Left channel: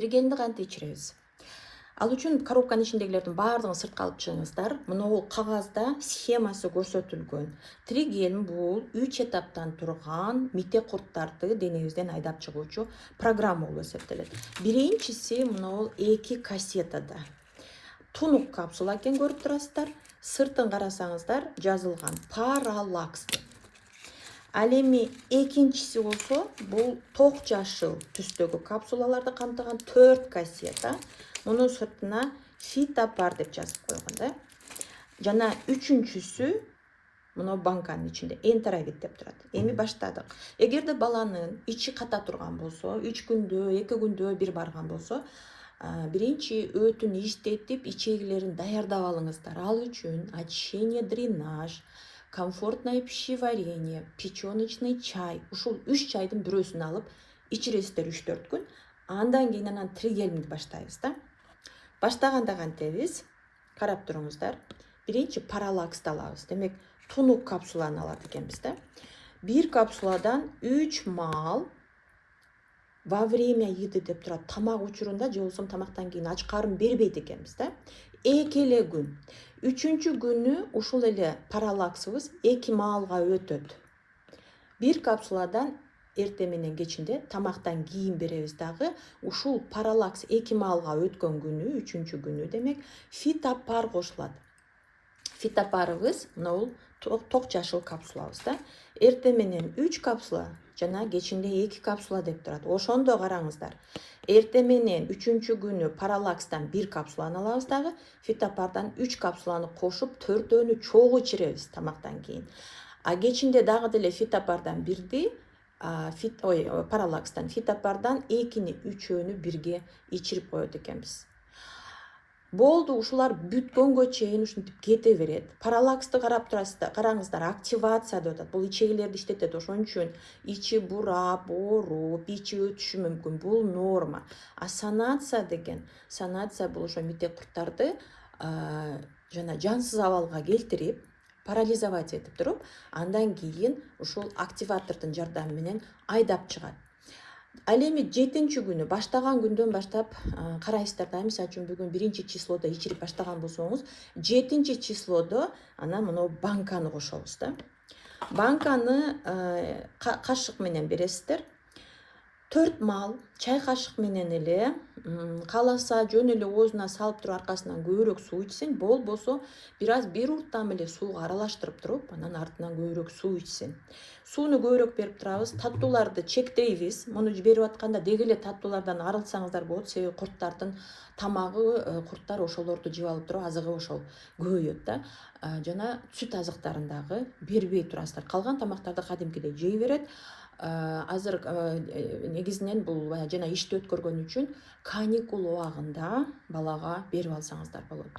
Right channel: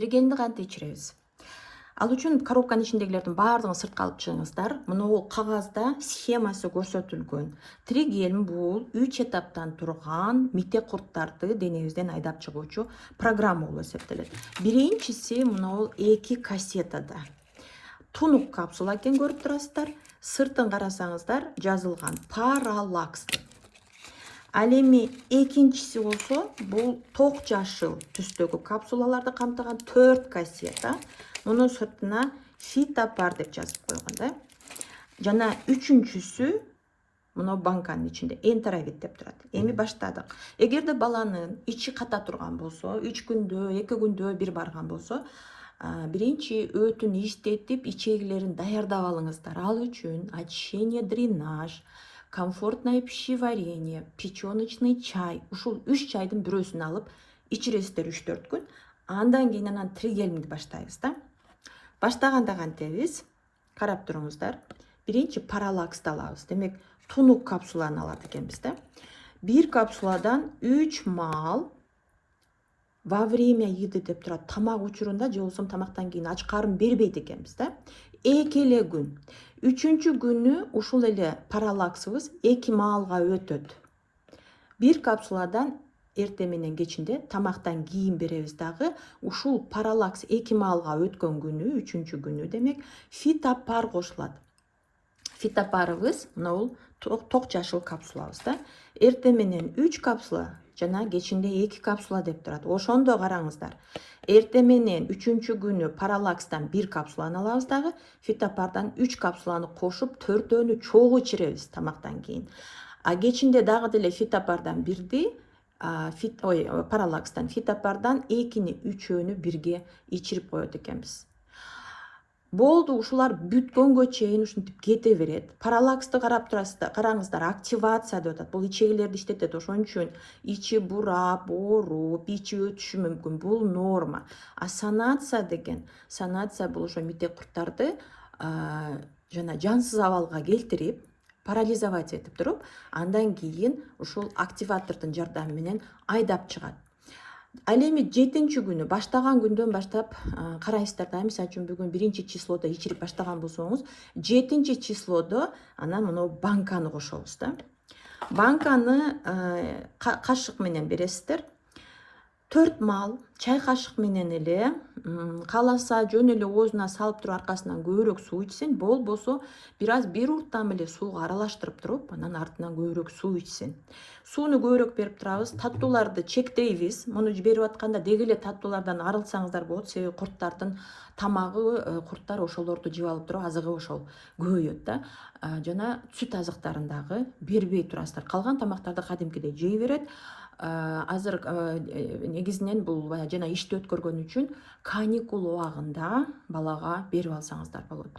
Тригелинди кантип ичиребиз? Ал үчүн коробканын ичиндегилердин баардыгын сыртка алып чыгыңыздар. Мына бул кагазда схемасы көрсөтүлгөн. Тригелин бул 3 этаптан турган мите курттарды денебизден айдап чыгуучу программа болуп эсептелет. Биринчиси мына бул 2 кассетада. Тунук капсула экенин көрүп турасыздар. Сыртын карасаңыздар жазылган паралакс. Ал эми экинчиси болсо бул ток жашыл түстөгү капсулаларды камтыган 4 кассета. Мунун сыртына фитопар деп жазып койгон да. Жана үчүнчүсү мына банканын ичинде энтеровит деп турат. Эми баштадык. Эгерде баланын ичи ката турган болсо, 3 күндө, 2 күндө бир барган болсо, биринчи өтүн иштетип, ичегилерин даярдап алыңыздар. Ал үчүн очищение, дренаж, комфортное пищеварение, печёночный чай. Ушул 3 чайдын бирөөсүн алып ичиресиздер 3-4 күн. Андан кийин анан тригелинди баштайбыз да. Баштаганда кантебиз? Карап туруңуздар. Биринчи паралаксты алабыз. Демек, тунук капсуланы алат экенбиз да. Бир капсуладан 3 маал во время еды деп турат, тамак учурунда же болбосо тамактан кийин ач карын бербейт экенбиз да. 2 эле күн. 3-чү күнү ушул эле паралаксыбыз 2 маалга өтөт. Бир капсуладан эртең менен кечинде тамактан кийин беребиз дагы. Ушул паралакс 2 маалга өткөн күнү, 3-чү күнү демек фитопар кошулат. Фитопарыбыз мына бул ток жашыл капсулабыз да. Эртең менен 3 капсула жана кечинде 2 капсула деп турат. Ошондо караңыздар. Эртең менен 3-чү күнү паралакстан 1 капсуланы алабыз дагы, фитопардан 3 капсуланы кошуп, 4-өөнү чогуу ичиребиз тамактан кийин. А кечинде дагы деле фитопардан бирди, паралакстан фитопардан 2-ни, 3-өөнү бирге ичирип коет экенбиз. Болду, ушулар бүткөнгө чейин ушинтип кете берет. Паралаксты карап турасыздар, караңыздар, активация деп атат. Бул ичегилерди иштетет. Ошон үчүн ичи бурап, ооруп, ичи өтүшү мүмкүн. Бул норма. А санация деген, санация бул ошо мите курттарды жана жансыз абалга келтирип, парализовать этип туруп, андан кийин ушул активатордун жардамы менен айдап чыгат. Ал эми 7-чү күнү баштаган күндөн баштап карайсыздар да, мисалы үчүн бүгүн 1-числодо ичирип баштаган болсоңуз, 7-числодо анан мына банканы кошобуз да. Банканы кашык менен бересиздер. 4 маал чай кашык менен эле, кааласа жөн эле оозуна салып туруп аркасынан көбүрөөк суу ичсин, болбосо бир урттан эле сууга аралаштырып туруп, анан артынан көбүрөөк суу ичсин. Сууну көбүрөөк берип турабыз, таттууларды чектейбиз. Муну берип атканда деги эле таттуулардан арылсаңыздар болот, себеби курттардын тамагы, курттар ошолорду жеп алып туруп, азыгы ошол көбөйөт да. Жана сүт азыктарын дагы бербей турасыздар. Калган тамактарды кадимкидей жей берет. Азыр негизинен бул жана ишти өткөргөн үчүн каникул убагында балага берип алсаңыздар болот.